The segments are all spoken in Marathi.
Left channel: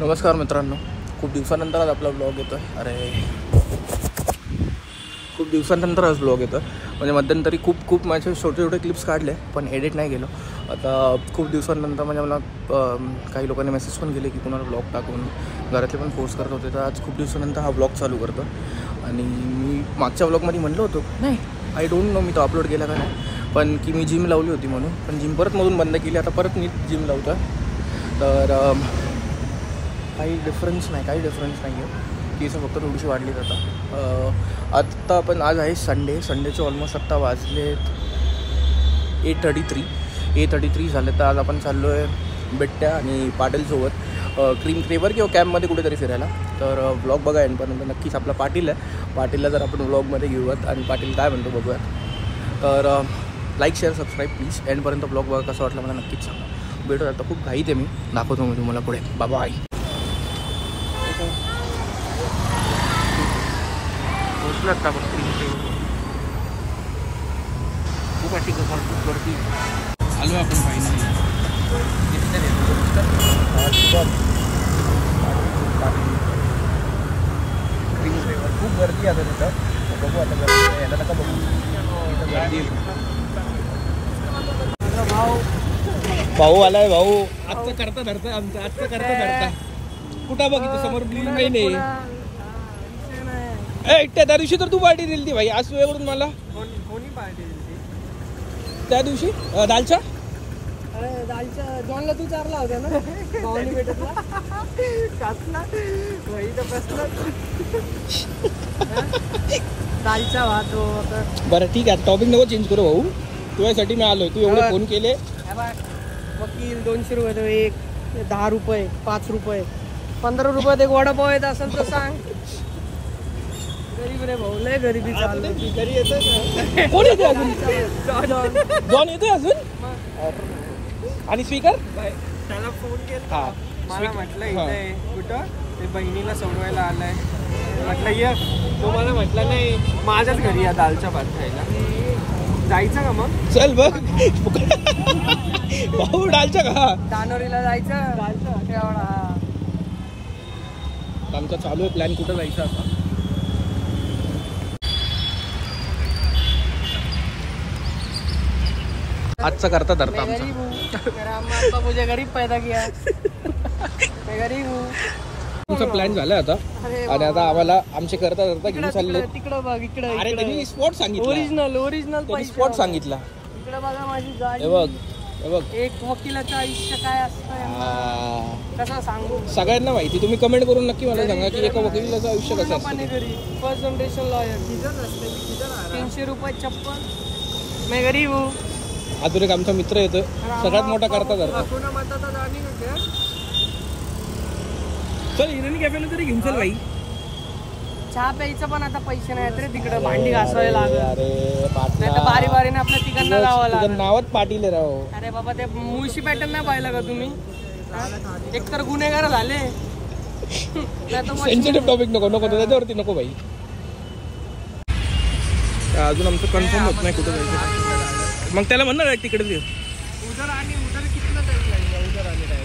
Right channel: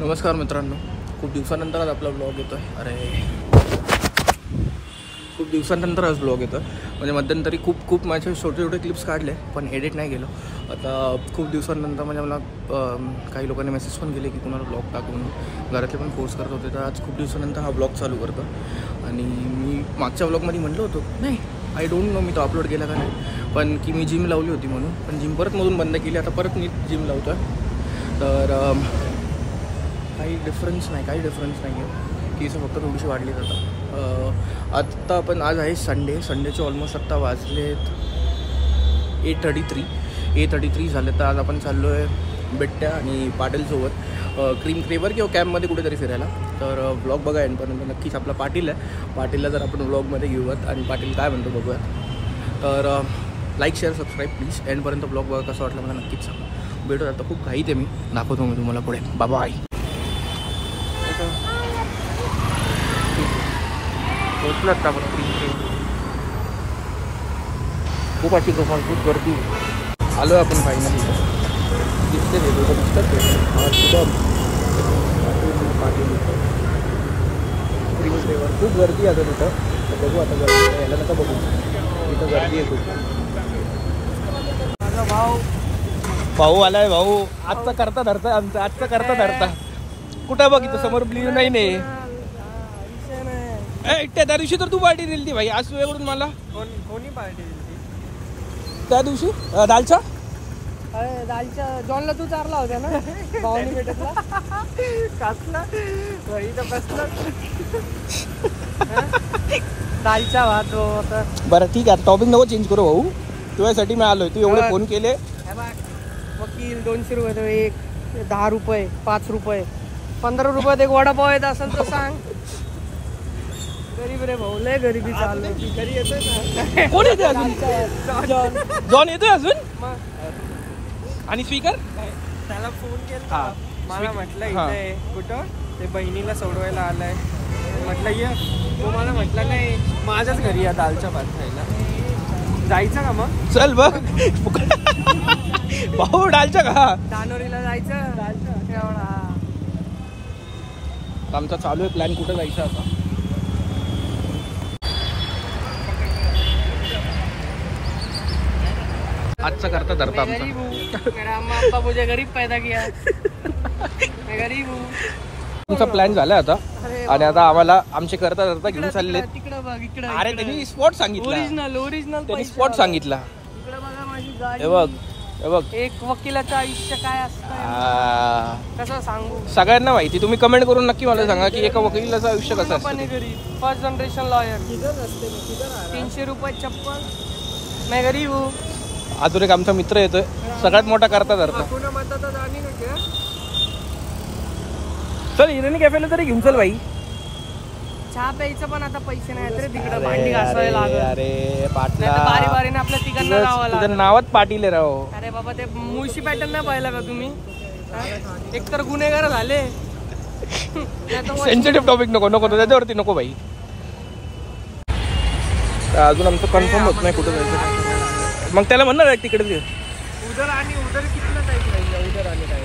नमस्कार मित्रांनो, खूप दिवसानंतर आज आपला ब्लॉग येतो आहे. खूप दिवसानंतर आज ब्लॉग येतो आहे. म्हणजे मध्यंतरी खूप माझे छोटे क्लिप्स काढले, पण एडिट नाही केलं. आता खूप दिवसानंतर म्हणजे मला काही लोकांनी मेसेज पण केले की कुणाला ब्लॉग टाकू म्हणून. घरातले पण फोर्स करत होते. तर आज खूप दिवसानंतर हा ब्लॉग चालू करतो. आणि मी मागच्या ब्लॉगमध्ये म्हणलं होतं, नाही आय डोंट नो मी तो अपलोड केला का नाही, पण की मी जिम लावली होती म्हणून. पण जिम मधून बंद केली. आता परत मी जिम लावतो आहे. तर काही डिफरन्स नाही आहे. केस फक्त थोडीशी वाढली जातात. आत्ता पण आज आहे संडेचे ऑलमोस्ट आत्ता वाजलेत 8:33 झाले. तर आज आपण चाललो आहे बिट्ट्या आणि पाटीलसोबत क्रीम क्रेवर किंवा कॅम्पमध्ये कुठेतरी फिरायला. तर ब्लॉग बघा एंडपर्यंत. नक्कीच आपला पाटील आहे. पाटीलला जर आपण ब्लॉगमध्ये घेऊयात आणि पाटील काय म्हणतो बघूया. तर लाईक शेअर सबस्क्राईब प्लीज. एंडपर्यंत ब्लॉग बघा. कसं वाटलं मला नक्कीच सांगा. भेटू. आता खूप घाईत आहे मी. दाखवतो मी तुम्हाला पुढे. बाबा आई पोचलं आता आपण क्रीम क्रेवर. खूप अशी खूप गर्दी आलो आहे आपण फायनली. दिसते क्रीम क्रेवर. खूप गर्दी आहे तिथं. बघू आता गर्दी यायला नका बघू. तिथं गर्दी आहे खूप. भाऊ आलाय. भाऊ आजचा करता धरता आमचा. कुठं बघ इथं समोर ब्ल्यू नाही. त्या दिवशी तर तू पार्टी दिली ती भाई. आज वेगळून मला कोणी पार्टी दिली त्या दिवशी दालच्या जॉनला तू चारला होता ना भावानी भेटतला कसला भाई तर बसला दालचा भात. बरं ठीक आहे. टॉपिक नको चेंज करू भाऊ. तुझ्यासाठी मी आलोय. तू एवढे फोन केले. वकील 200 रुपये तो एक, 10 रुपये, 5 रुपये, 15 रुपयात एक वडापाव येत असेल तर सांग. गरीब रे भाऊ, लय गरिबी चालू. घरी येतोय कोण येतोय अजून? जॉन येतोय अजून. आणि स्पीकर त्याला फोन केला. मला म्हटलं इथे कुठं ते बहिणीला सोडवायला आलाय. म्हटलं ये. तो मला म्हटलं नाही माझ्याच घरी या दालच्या भात खायला. जायचं का मग? चल बघ भाऊ. डालच्या का दानोरीला जायचं एवढा. आमचा चालू आहे प्लॅन कुठं जायचं आता. आजचा करता धरता आमचा मुझे गरीब पैदा किया. मैं गरीब हूँ. तुमचा प्लॅन झाला आता. आणि आता आम्हाला आमचे करता धरता घेऊन चालले. तिकडे बघ इकडे. अरे त्यांनी स्पॉट सांगितलं. ओरिजिनल त्यांनी स्पॉट सांगितला. इकडे बघा माझी गाडी. हे बघ एक वकिलाचं आयुष्य काय असतं कसं सांगू. सगळ्यांना माहिती. तुम्ही कमेंट करून नक्की मला सांगा की एका वकिलाचं आयुष्य कसं असतं. First generation lawyer. 300 रुपये चप्पल. मैं गरीब हूँ. अजून एक आमचा मित्र येतोय. सगळ्यात मोठा करता धरता. चल हिरेनी कॅफेला तरी घेऊन चल भाई. चहा प्यायचं पण आता पैसे नाही रे तिकडे. भांडी घासायला लागत. अरे बारी आपल्या तिघांना जावं लागलं. नावात पाटील आहे राव. अरे बाबा ते मुळशी पॅटर्न नाही पाहिलं का तुम्ही. एक तर गुन्हेगार झाले. सेन्सिटिव्ह टॉपिक नको त्याच्यावरती नको भाई. अजून आमचं कन्फर्म होत नाही कुठं जायचं. मग त्याला म्हणणार तिकडे उधर आणि उधर कितना जायचं. उधर आले काय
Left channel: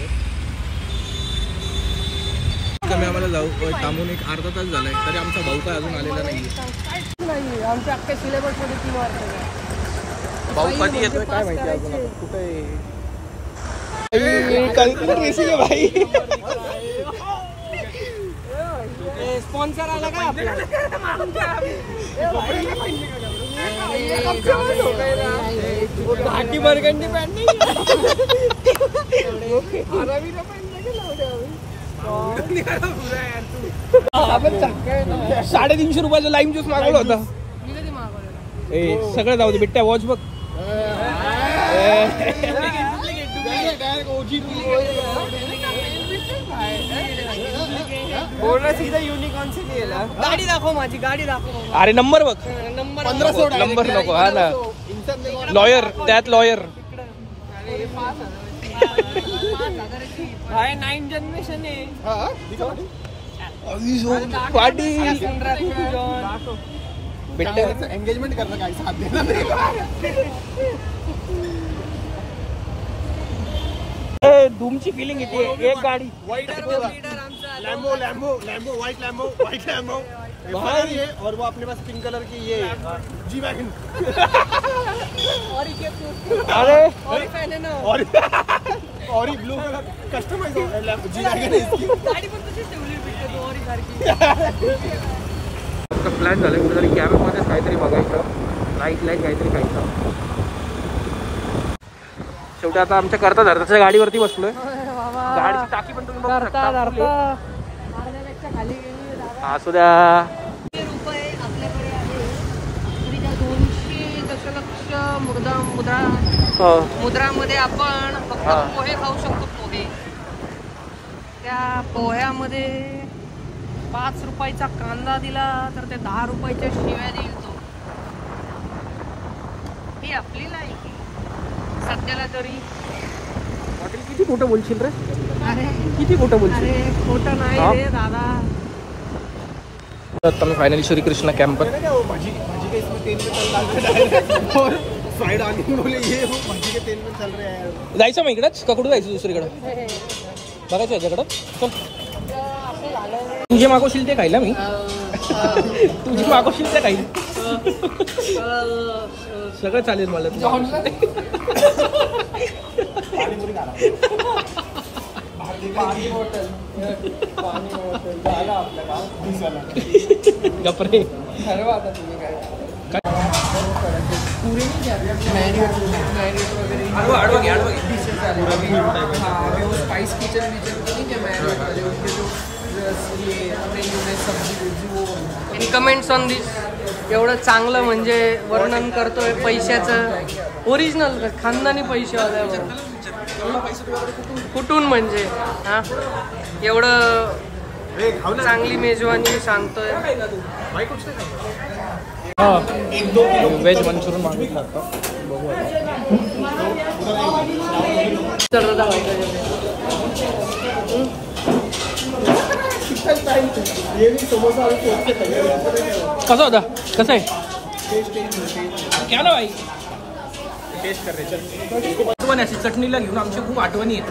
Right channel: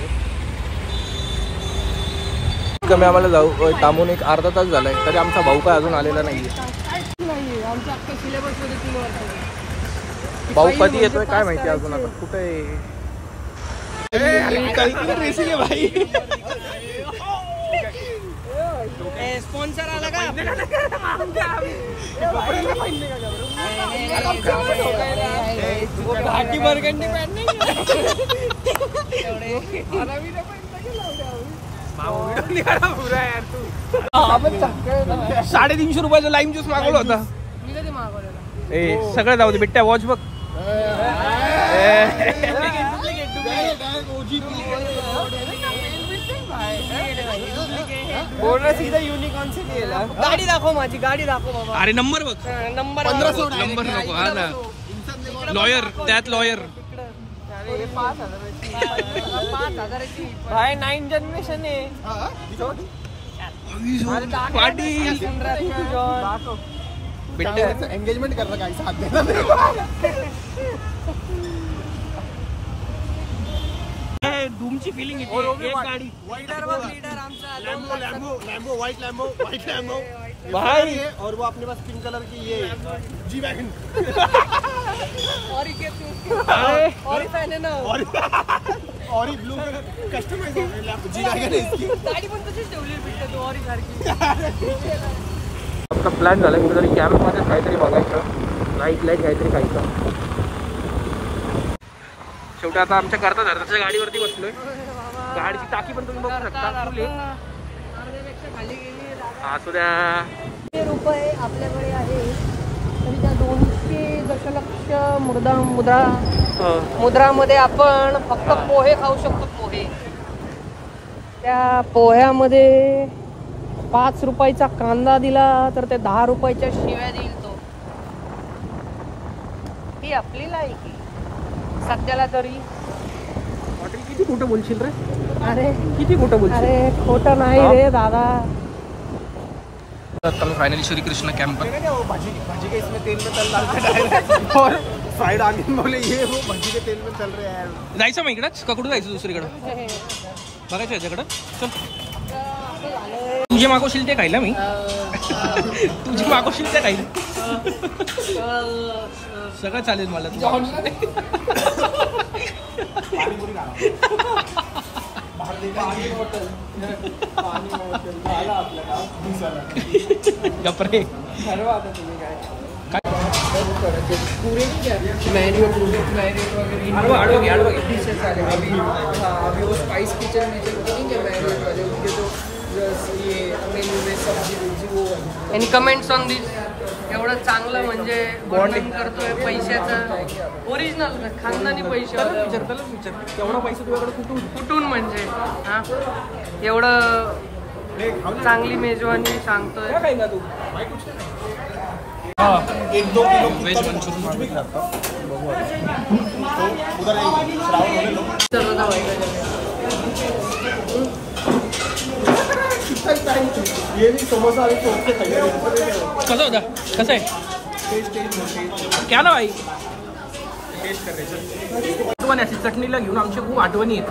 कमी आम्हाला जाऊ थांबून एक अर्धा तास झालाय. तरी आमचा भाऊ काय अजून आलेला नाहीये. आमच्या अख्ख्या सिलेबस मध्ये 3 वर्ष. भाऊ कधी येतोय काय माहिती अजून. आता कुठे रेसिंग आहे भाई. स्पॉन्सर आला का घाटी बरगंडी 350 रुपयाचा लाईम ज्यूस मागवला होता. मी कधी मागवलेला. सगळं जाऊ दे. बिट्ट्या वॉच बघ. सीधा युनिकॉर्न से लिहिला. गाडी दाखव माझी. गाडी दाखव बाबा. अरे नंबर बघ. नंबर नको. हा ना लॉयर. त्यात लॉयर. 5,000ची भाई 9 जनरेशन आहे. पाटील एंगेजमेंट करणं काय साध्य. धूमची फिलिंग येते एक गाडी लीडर आमचा लैम्बो व्हाइट लैम्बो बाहर है और वो अपने पास पिंक कलर की ये जी वैगन और ये अरे और फैन है ना और ये blue colour customize G wagon है इसकी गाडी पण तशीच ठेवली भेटते तो और सारखी आमचा प्लॅन झाला कुठेतरी कॅम्पमध्ये काहीतरी बघायचं लाईट काहीतरी खायचं. शेवटी आता आमच्या करता धरताच्या गाडीवरती बसलोय. गाडीची टाकी पण तुम्ही बघू शकता. अर्ध्यापेक्षा खाली गेली असू द्या. रुपये आपल्याकडे आहे तरी त्या 200 दशलक्ष मुद्रामध्ये आपण फक्त पोहे खाऊ शकतो. पोहे त्या पोह्यामध्ये 5 रुपयाचा कांदा दिला तर ते 10 रुपयाच्या शिव्या देईल तो. ही आपली लायकी सध्याला तरी. हॉटेल किती खोटं बोलशील रे. अरे किती खोटं बोलशील. अरे खोटं नाही रे दादा. फाइनली श्री कृष्ण कैंप भाजी के इसमें तेल में चल रहा है और फ्राइड ऑनियन बोले ये वो भाजी के तेल में चल रहे हैं. जायचं मग इकडंच का कुठं जायचं दुसरीकडं बघायचं याच्याकडं. चल तुझे मागवशील ते खायला मी तुझे मागवशील ते खाईल सगळं चालेल मला. तू गपरे ठरवा आता तुम्ही काय spice kitchen any comments on this. एवढं चांगलं म्हणजे वर्णन करतोय पैशाचं ओरिजिनल खानदानी पैसे कुठून म्हणजे हा एवढं चांगली मेजवानी सांगतोय. वेज मंचुरियन मागितलं कसं होता कसं आहे क्या ना भाई टेस्ट कर रहे चल आठवण अशी चटणीला घेऊन आमच्या खूप आठवणी आहेत.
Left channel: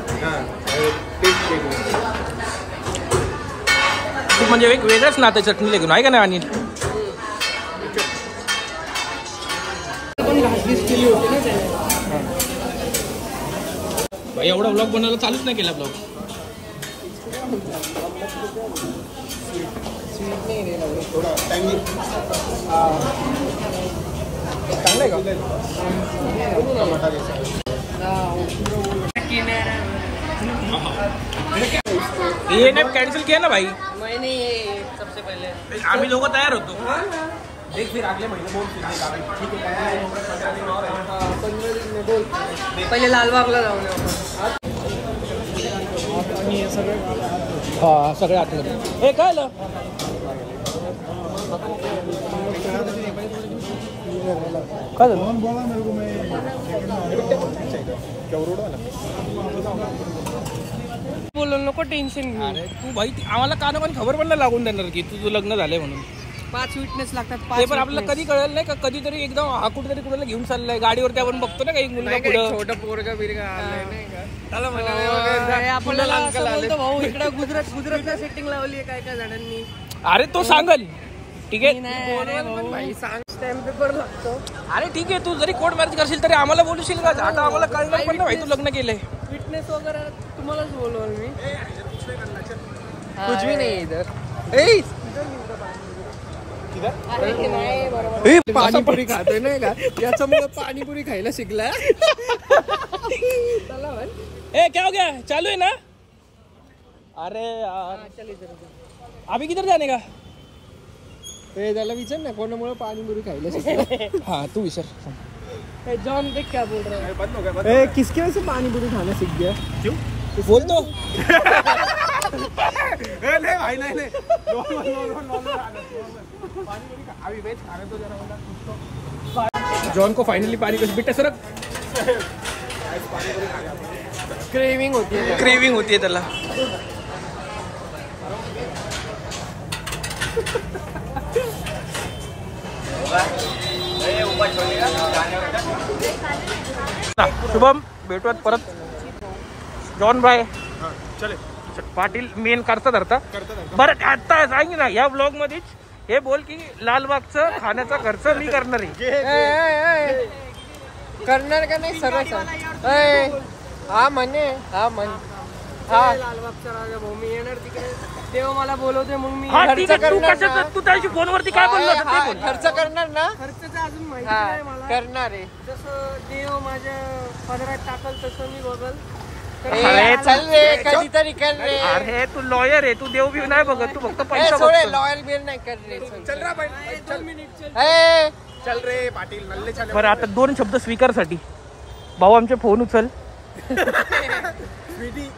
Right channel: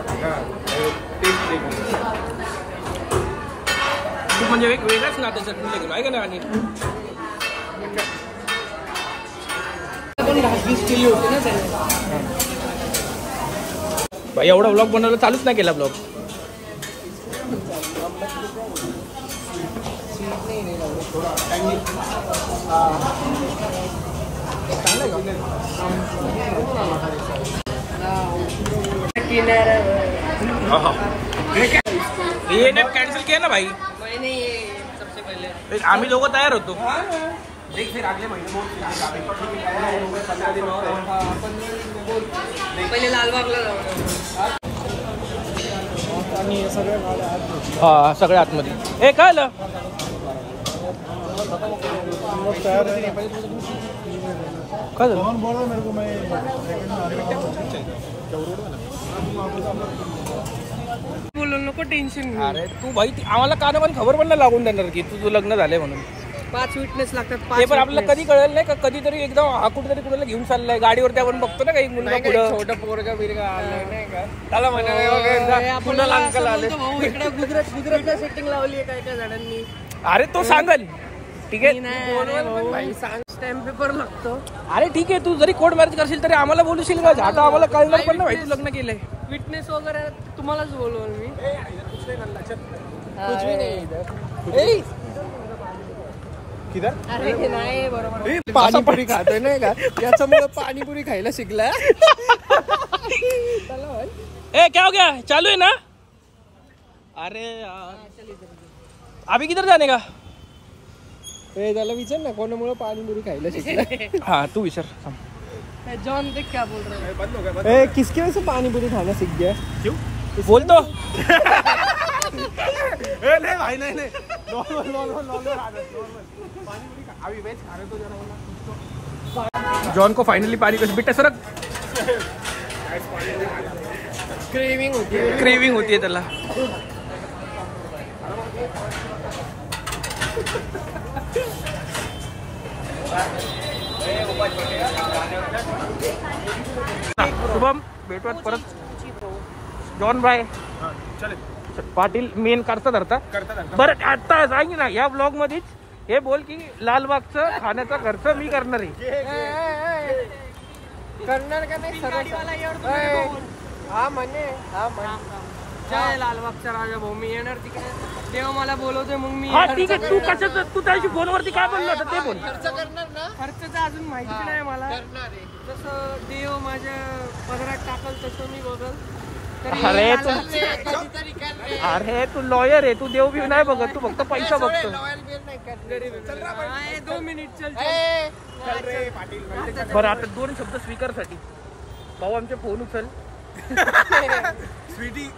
खूप म्हणजे एक वेगळंच नातं चटणीला घेऊन आहे का नाही. आणि भाई एवढा ब्लॉग बनवायला चालूच नाही केला. ब्लॉग चांगलं का ये ने कैंसिल किया ना भाई. सबसे पहले आम्ही लोक तयार होतो. देख फिर अगले महीने बोल ठीक है 15 दिन हो गए 15 दिन और 15 दिन में बोल पहिले लालबागला जाऊ. आणि हे सगळे हा सगळ्या आतमध्ये हे काय आलं काय झालं. बोला मेरे को मैं बोलू नको टेन्शन घेऊ. अरे तू भाई आम्हाला काना पण खबर पण नाही लागून देणार की तुझं लग्न झालंय म्हणून. 5 विटनेस लागतात. ते पण आपल्याला कधी कळेल नाही का. कधीतरी एकदम हा कुठेतरी कुणाला घेऊन चाललाय गाडीवरती आपण बघतो ना काही मुलगा पुढं छोटा पोरगा बिरगा आलाय नाही का. त्याला आपल्याला भाऊ इकडे गुजरातला सेटिंग लावली आहे काय काय जणांनी. अरे तो सांगाल ठीक आहे. स्टॅम्प पेपर लागतो. अरे ठीक आहे तू जरी कोर्ट मॅरेज करशील तरी आम्हाला बोलूशील का. आता आम्हाला कळणार पण नाही तू लग्न केलंय. विटनेस वगैरे तुम्हालाच बोलवल मी. कुछ भी नाही इधर. पाणीपुरी खातोय नाही का याच्यामुळे पाणीपुरी खायला शिकला. ए क्या हो गया चालू है ना. अरे चल इधर अभी किधर जाने का. त्याला विचार ना कोणामुळे पाणीपुरी खायला शिकला. हाँ तू विचार. जॉन देख क्या बोल रहा है. बंद हो गया. किसके वजह से पानीपुरी खाना सीख गया. क्यों बोल तो. नहीं भाई नहीं नॉर्मल अभी वेज खा रहे तो जरा जॉन को फाइनली पानी का बेटा सरक क्रेविंग होती है. क्रेविंग होती है त्याला. शुभम भेटूयात परत. जॉन भाई हाँ, चले पाटील मेन करता धरता करता बरं आता सांग ना या ब्लॉग मध्येच हे बोल की लालबागचं खाण्याचा खर्च मी करणार आहे. करणार का नाही सरळ हा म्हणे लालबागचा राजा भाऊ मी येणार तिकडे देव मला बोलवते मग मी हा ठीक आहे. तू कशाचं तू त्याशी फोनवरती काय बोललो होता ते बोल. खर्च करणार ना खर्चचं अजून माहिती नाही मला करणार आहे जसं देव माझ्या पदरात टाकल तसं मी बघल. अरे कधीतरी अरे तू लॉयर आहे तू देव बिव नाही बघत तू फक्त पैसा बघतो. लॉयल बिल नाही करले 2 मिनिट चल रे पाटील. बरं आता 2 शब्द स्वीकारसाठी भाऊ आमचे फोन उचल. स्वीटी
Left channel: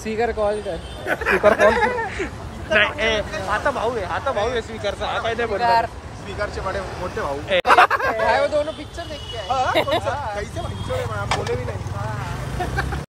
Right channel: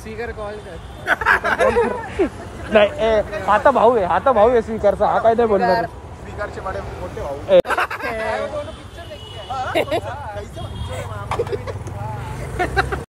स्पीकर कॉल कर स्पीकर कॉल कर. नाही आता भाऊ आहे स्पीकरचा हा काय नाही बोलणार. स्पीकरचे बडे मोठे भाऊ दोनों पिक्चर देख के आए. कैसे बोले भी नहीं.